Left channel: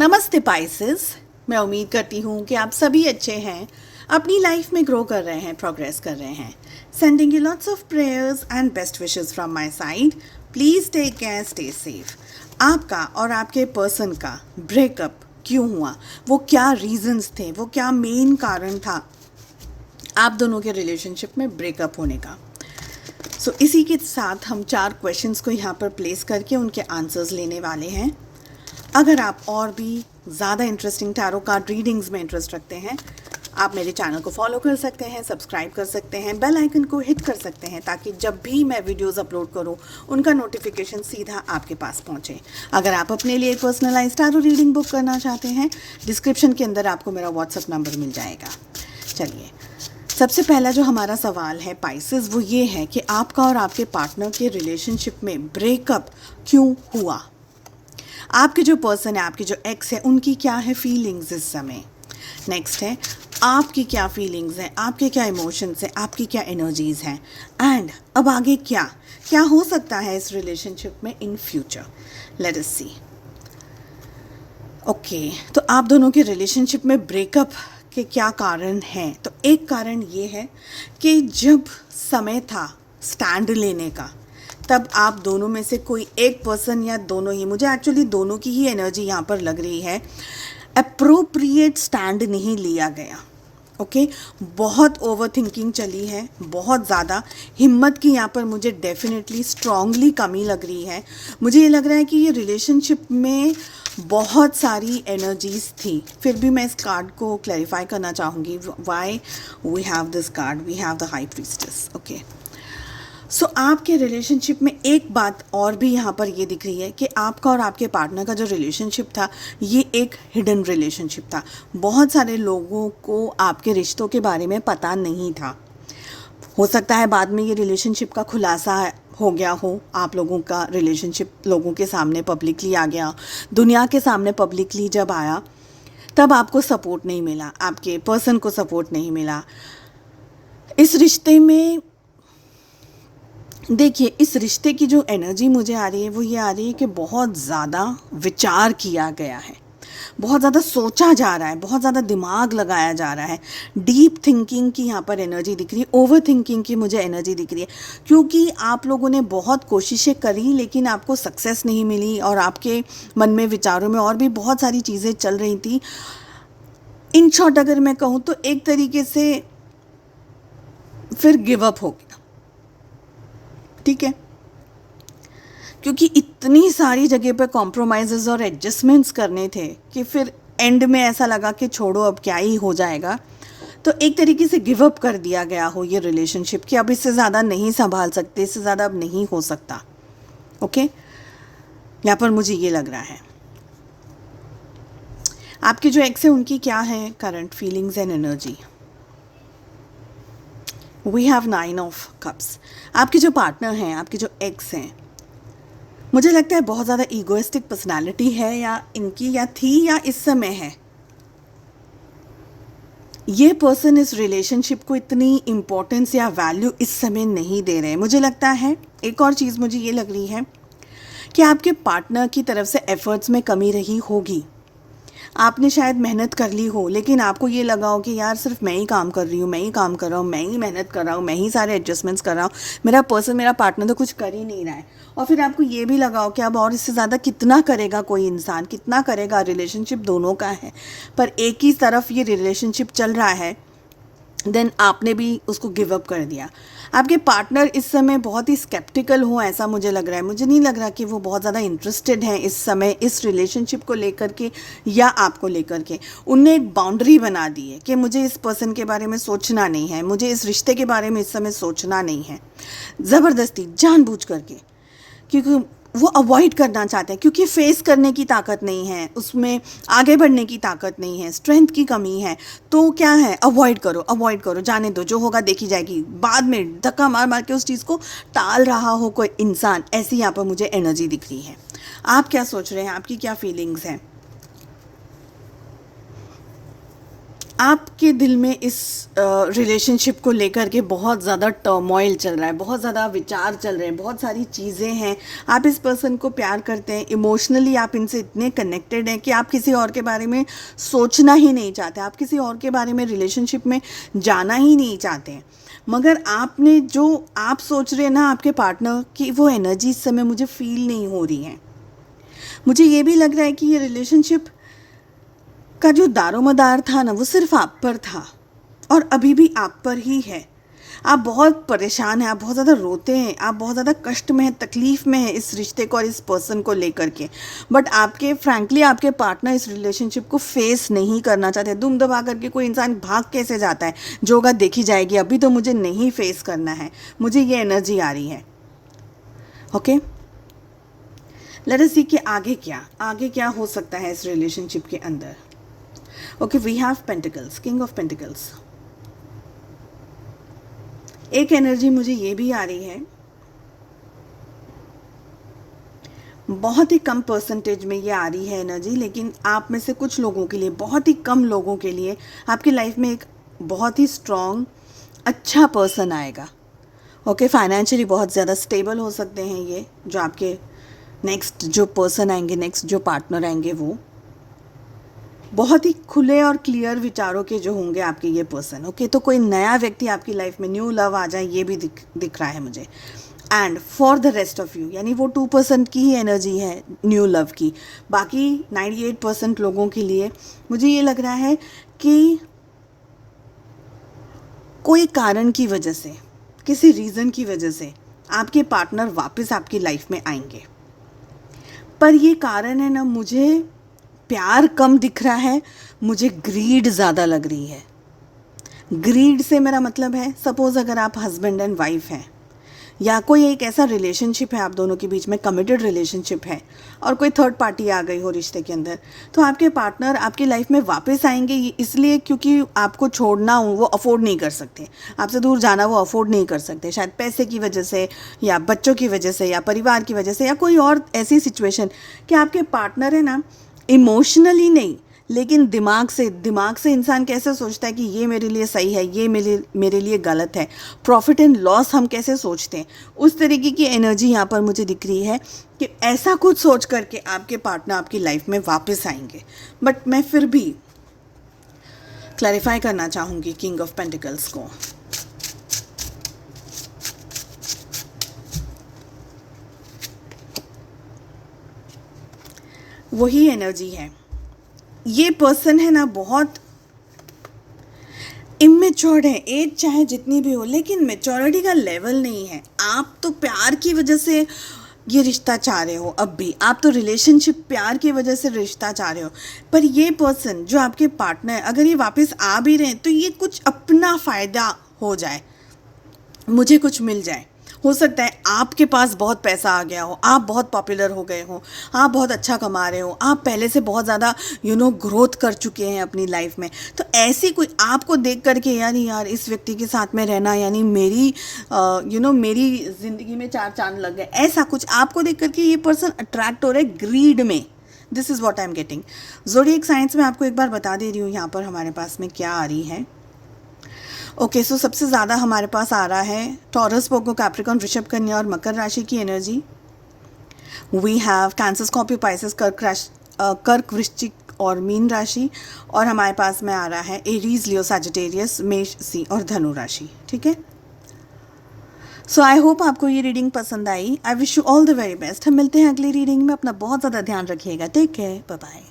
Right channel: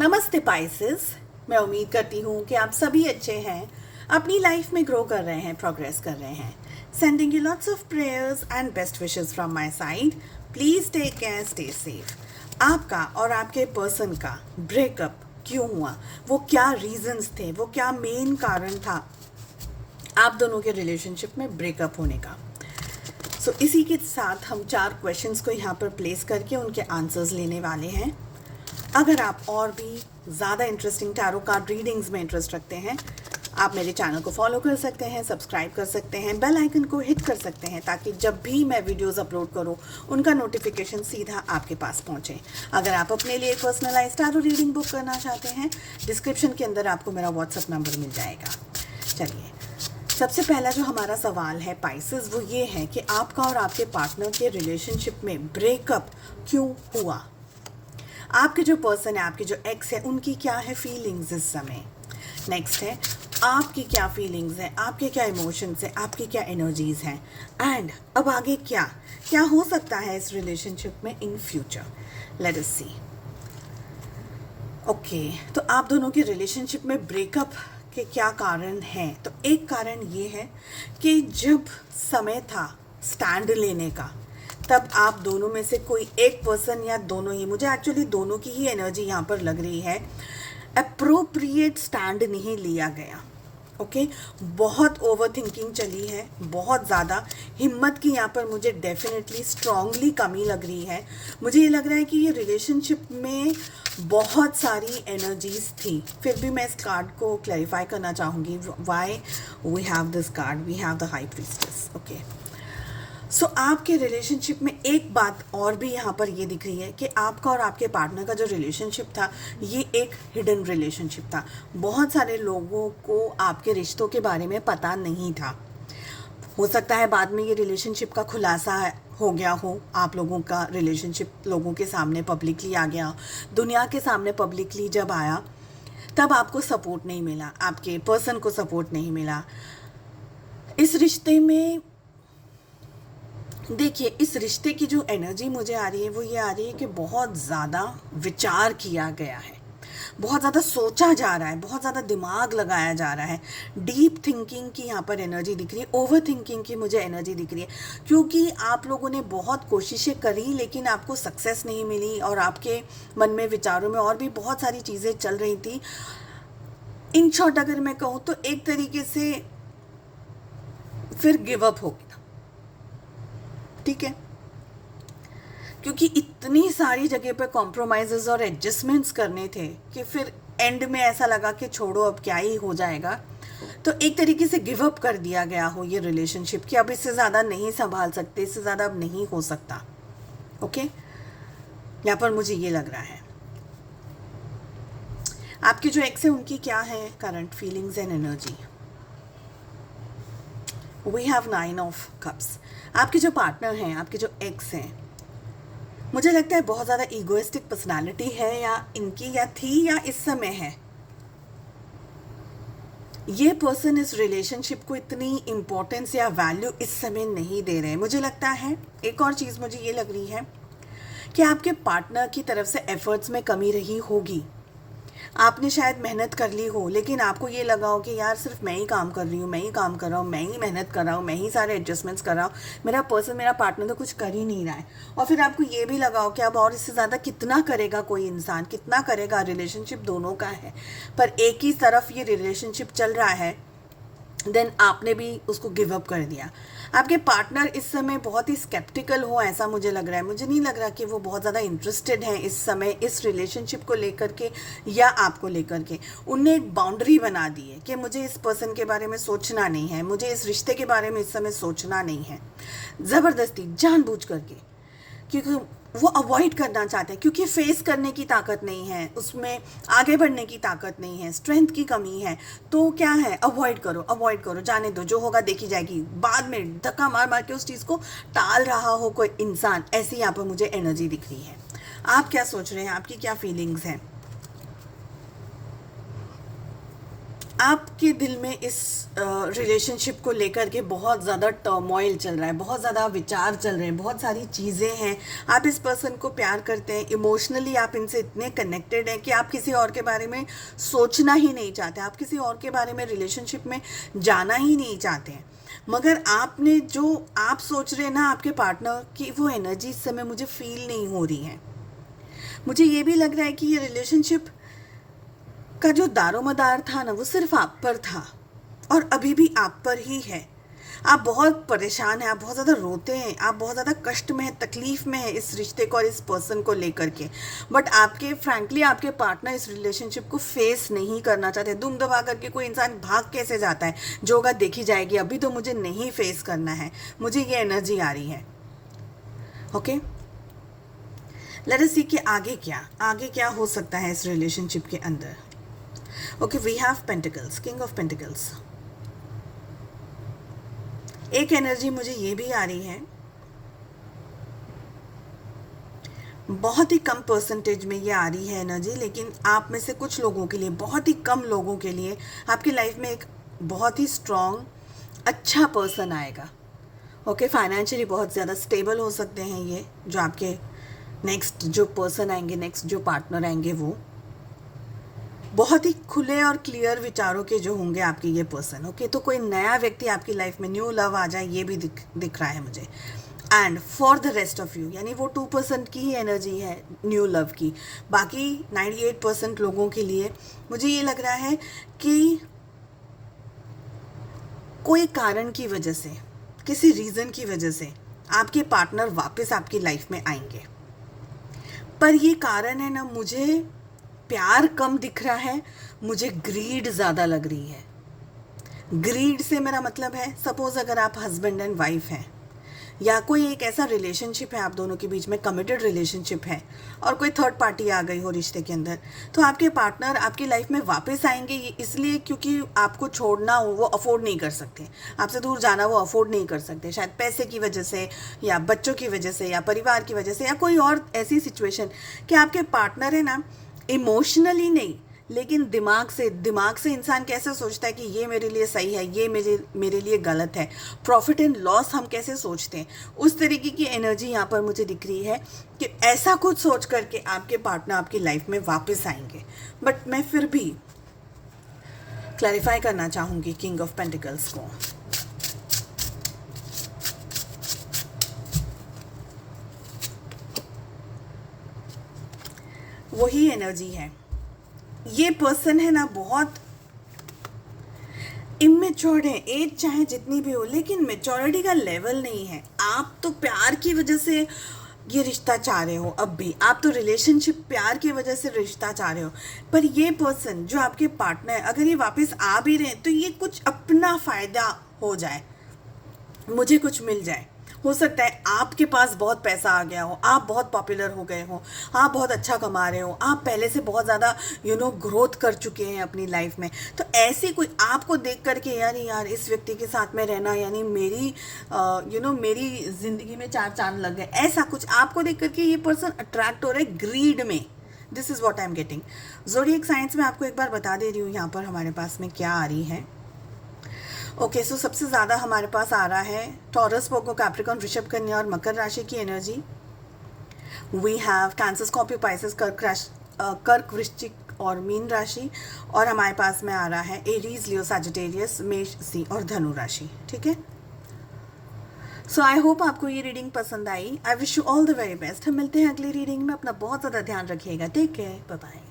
नमस्ते पाइसेस। मैं उम्मीद करती हूँ कि आप सभी अच्छे हैं, अपनी लाइफ में ग्रो कर रहे हैं, प्रोग्रेस कर रहे हैं। Sending you lots of prayers and best wishes from my side. Please take care, stay safe. आपका और आपके पर्सन का ब्रेकअप क्यों हुआ, वो क्या रीजंस थे, वो क्या मेन कारण था आप दोनों के रिलेशनशिप में ब्रेकअप होने का। इसी के साथ हम 4 क्वेश्चंस को यहाँ पर प्लेस करके उनके आंसर्स लेने वाले हैं। अगर आप और भी ज़्यादा इंटरेस्टिंग टैरो कार्ड रीडिंग्स में इंटरेस्ट रखते हैं, आप मेरे चैनल को फॉलो कर सकते हैं, सब्सक्राइब कर सकते हैं, बेल आइकन को हिट कर सकते हैं ताकि जब भी मैं वीडियोस अपलोड करूं उनका नोटिफिकेशन सीधा आपके पास पहुंचे। अगर आप अपने लिए पर्सनलाइज्ड टैरो रीडिंग बुक करना चाहते हैं, डिस्क्रिप्शन के अंदर आपको मेरा व्हाट्सएप नंबर मिल जाएगा। चलिए, सबसे पहला जो हमारा सवाल है पाइसेस, वो ये है कि आपका और आपके पार्टनर के रिलेशनशिप में ब्रेकअप क्यों हुआ। आपके जो पर्सन है, आपके जो एक्स है, उनकी क्या है फीलिंग्स इस समय। नेक्स्ट है आपकी क्या फीलिंग्स हैं, आपके क्या इमोशंस हैं, आपकी क्या एनर्जीज हैं, एंड अब आगे क्या क्या हो सकता है इस रिलेशनशिप में in future. Let us see. Okay, तो आप दोनों के रिलेशनशिप में ब्रेकअप के क्या कारण हैं। तो एक कारण ये है कि जब समय था स्टैंड लेने का, तब आप दोनों में से कोई एक पर्सन या दोनों ही, मुझे एक्चुअली दोनों की ही एनर्जी यहाँ पर लग रही है, अप्रोप्रिएट स्टैंड नहीं लिया गया। ओके, बहुत ओवर थिंकिंग चली है, बहुत ज़्यादा हिम्मत की यहाँ पर मुझे डेफिनेटली स्ट्रांगली कमी लग रही है। मुझे ये लग रहा है कि ये रिलेशनशिप में बहुत सारी एनर्जीज थी। फिर भी मैं इस कार्ड को क्लैरिफाई करना चाहूँगी। Why we have this card, we have the high priestess. Okay, so आपके रिलेशनशिप में एक बात और भी यहाँ पर ये दिख रही है कि आपका और आपके पार्टनर का जो रिलेशनशिप था, ये एक हिडन रिलेशनशिप था। बहुत सारे लोगों को आपके रिश्तों के बारे में पता नहीं था। हो सकता है बाद में ये रिलेशनशिप का खुलासा हो गया हो, आप लोगों का रिलेशनशिप लोगों के सामने पब्लिकली आ गया। दुनिया के सामने पब्लिकली जब आया, तब आपको सपोर्ट नहीं मिला, आपके पर्सन को सपोर्ट नहीं मिला इस रिश्ते में। देखिए, इस रिश्ते की जो एनर्जी मुझे आ रही है वो ये आ रही है कि बहुत ज़्यादा विचार किया गया है, बहुत ज़्यादा सोचा जा रहा है, बहुत ज़्यादा दिमाग लगाया जा रहा है। डीप थिंकिंग की यहाँ पर एनर्जी दिख रही है, ओवर थिंकिंग की मुझे एनर्जी दिख रही है, क्योंकि आप लोगों ने बहुत कोशिशें करी लेकिन आपको सक्सेस नहीं मिली और आपके मन में, विचारों में और भी बहुत सारी चीज़ें चल रही थी। इन शॉर्ट अगर मैं कहूँ तो एक तरीके से फिर गिव अप हो गया। ठीक है, क्योंकि इतनी सारी जगह पे कॉम्प्रोमाइज़ेस और एडजस्टमेंट्स करने थे कि फिर एंड में ऐसा लगा कि छोड़ो, अब क्या ही हो जाएगा। तो एक तरीके से गिव अप कर दिया गया हो ये रिलेशनशिप कि अब इससे ज़्यादा नहीं संभाल सकते, इससे ज़्यादा अब नहीं हो सकता। ओके, यहाँ पर मुझे ये लग रहा है। आपके जो एक्स है उनकी क्या है current feelings and energy. We have 9 of cups. आपके जो पार्टनर हैं, आपके जो एक्स हैं, मुझे लगता है बहुत ज़्यादा ईगोइस्टिक पर्सनालिटी है, या इनकी या थी या इस समय है। ये पर्सन इस रिलेशनशिप को इतनी इम्पोर्टेंस या वैल्यू इस समय नहीं दे रहे। मुझे लगता है एक और चीज़ मुझे ये लग रही है कि आपके पार्टनर की तरफ से एफर्ट्स में कमी रही होगी। आपने शायद मेहनत कर ली हो, लेकिन आपको ये लगा हो कि यार सिर्फ मैं ही काम कर रही हूँ, मैं ही काम कर रहा हूँ, मैं ही मेहनत कर रहा हूँ, मैं ही सारे एडजस्टमेंट्स कर रहा हूँ, मेरा पर्सन, मेरा पार्टनर तो कुछ कर ही नहीं रहा है। और फिर आपको ये भी लगा हो कि अब और इससे ज़्यादा कितना करेगा कोई इंसान, कितना करेगा। रिलेशनशिप दोनों का है, पर एक ही तरफ ये रिलेशनशिप चल रहा है, देन आपने भी उसको गिव अप कर दिया। आपके पार्टनर इस समय बहुत ही स्केप्टिकल हो, ऐसा मुझे लग रहा है। मुझे नहीं लग रहा कि वो बहुत ज़्यादा इंटरेस्टेड हैं इस समय इस रिलेशनशिप को लेकर के या आपको लेकर के। उनने एक बाउंड्री बना दी है कि मुझे इस पर्सन के बारे में सोचना नहीं है, मुझे इस रिश्ते के बारे में इस समय सोचना नहीं है, ज़बरदस्ती जानबूझ करके, क्योंकि वो अवॉइड करना चाहते हैं, क्योंकि फेस करने की ताकत नहीं है, उसमें आगे बढ़ने की ताकत नहीं है, स्ट्रेंथ की कमी है। तो क्या है, अवॉइड करो, अवॉइड करो, जाने दो, जो होगा देखी जाएगी। बाद में धक्का मार मार के उस चीज़ को टाल रहा हो कोई इंसान, ऐसी यहाँ पर मुझे एनर्जी दिख रही है। आप क्या सोच रहे हैं, आपकी क्या फीलिंग्स हैं। आपके दिल में इस रिलेशनशिप को लेकर के बहुत ज़्यादा टर्मोइल चल रहा है, बहुत ज़्यादा विचार चल रहे हैं, बहुत सारी चीज़ें हैं। आप इस पर्सन को प्यार करते हैं, इमोशनली आप इनसे इतने कनेक्टेड हैं कि आप किसी और के बारे में सोचना ही नहीं चाहते, आप किसी और के बारे में रिलेशनशिप में जाना ही नहीं चाहते हैं। मगर आपने जो आप सोच रहे हैं ना आपके पार्टनर की, वो एनर्जी इस समय मुझे फील नहीं हो रही है। मुझे ये भी लग रहा है कि ये रिलेशनशिप का जो दारोमदार था ना, वो सिर्फ आप पर था और अभी भी आप पर ही है। आप बहुत परेशान हैं, आप बहुत ज़्यादा रोते हैं, आप बहुत ज़्यादा कष्ट में हैं, तकलीफ़ में हैं इस रिश्ते को और इस पर्सन को लेकर के। बट आपके फ्रैंकली आपके पार्टनर इस रिलेशनशिप को फेस नहीं करना चाहते। दुम दबा करके कोई इंसान भाग कैसे जाता है, जो होगा देखी जाएगी, अभी तो मुझे नहीं फेस करना है, मुझे ये एनर्जी आ रही है। ओके, लेट अस सी कि आगे क्या हो सकता है इस रिलेशनशिप के अंदर। Okay, we have pentacles, king of pentacles. एक एनर्जी मुझे ये भी आ रही है, बहुत ही कम परसेंटेज में ये आ रही है एनर्जी, लेकिन आप में से कुछ लोगों के लिए, बहुत ही कम लोगों के लिए आपकी लाइफ में एक बहुत ही स्ट्रॉन्ग अच्छा पर्सन आएगा। ओके, फाइनेंशियली बहुत ज़्यादा स्टेबल हो सकते हैं ये जो आपके नेक्स्ट जो पर्सन आएंगे, नेक्स्ट जो पार्टनर आएंगे, वो बहुत ही खुले और क्लियर विचारों के जो होंगे आपके ये पर्सन। ओके, तो कोई नया व्यक्ति आपकी लाइफ में, न्यू लव आ जाए, ये भी दिख रहा है मुझे। And for the rest of you, यानी वो 2% की ही एनर्जी है न्यू लव की। बाकी 98% लोगों के लिए मुझे ये लग रहा है कि कोई कारण की वजह से, किसी रीज़न की वजह से आपके पार्टनर वापस आपकी लाइफ में आएंगे। पर ये कारण है ना, मुझे प्यार कम दिख रहा है, मुझे ग्रीड ज़्यादा लग रही है। ग्रीड से मेरा मतलब है, सपोज़ अगर आप हस्बैंड एंड वाइफ हैं या कोई एक ऐसा रिलेशनशिप है आप दोनों के बीच में, कमिटेड रिलेशनशिप है, और कोई थर्ड पार्टी आ गई हो रिश्ते के अंदर, तो आपके पार्टनर आपकी लाइफ में वापस आएंगे इसलिए क्योंकि आपको छोड़ना हो वो अफोर्ड नहीं कर सकते, आपसे दूर जाना वो अफोर्ड नहीं कर सकते, शायद पैसे की वजह से या बच्चों की वजह से या परिवार की वजह से या कोई और ऐसी सिचुएशन कि आपके पार्टनर है ना, इमोशनली नहीं लेकिन दिमाग से इंसान कैसे सोचता है कि ये मेरे लिए सही है, ये मेरे लिए गलत है, प्रॉफिट एंड लॉस हम कैसे सोचते हैं, उस तरीके की एनर्जी यहाँ पर मुझे दिख रही है कि ऐसा कुछ सोच करके आपके पार्टनर आपकी लाइफ में वापस आएंगे। बट मैं फिर भी क्लैरिफाई करना चाहूँगी किंग ऑफ पेंटिकल्स को। वही एनर्जी है, ये पर्सन है ना बहुत इमेच्योर्ड है, एज चाहे जितनी भी हो, लेकिन मेच्योरिटी का लेवल नहीं है। आप तो प्यार की वजह से ये रिश्ता चाह रहे हो, अब भी आप तो रिलेशनशिप प्यार की वजह से रिश्ता चाह रहे हो, पर ये पर्सन जो आपके पार्टनर है, अगर ये वापस आ भी रहे हैं तो ये कुछ अपना फ़ायदा हो जाए, मुझे कुछ मिल जाए। हो सकता है आपके पास बहुत पैसा आ गया हो, आप बहुत पॉपुलर हो गए हो, आप बहुत अच्छा कमा रहे हो, आप पहले से बहुत ज़्यादा ग्रोथ कर चुके हैं अपनी लाइफ में, तो ऐसी कोई आपको देख करके यार इस व्यक्ति के साथ में रहना यानी मेरी मेरी ज़िंदगी में 4 चांद लग गए, ऐसा कुछ आपको देख करके ये पर्सन अट्रैक्ट हो रहा है ग्रीड में। This is what I am getting. Zodiac science में आपको एक बार बता दे रही हूँ यहाँ पर हमारे पास में क्या आ रही है। ओके, सो सबसे ज़्यादा हमारे पास आ रहा है टॉरस, पोर्को, कैप्रिकॉर्न, वृषभ, कन्या और मकर राशि की energy. We have Cancer, Scorpio, Pisces, कर्क, वृश्चिक और मीन राशि। और हमारे पास में आ रहा है एरीज, लियो, सैजिटेरियस, मेष, सिंह और धनु राशि। ठीक है, सो आई होप आपको ये रीडिंग पसंद आई। I wish you all the very best. हम मिलते हैं अगली रीडिंग में। अपना बहुत ज़्यादा ध्यान रखिएगा। Take care, bye bye.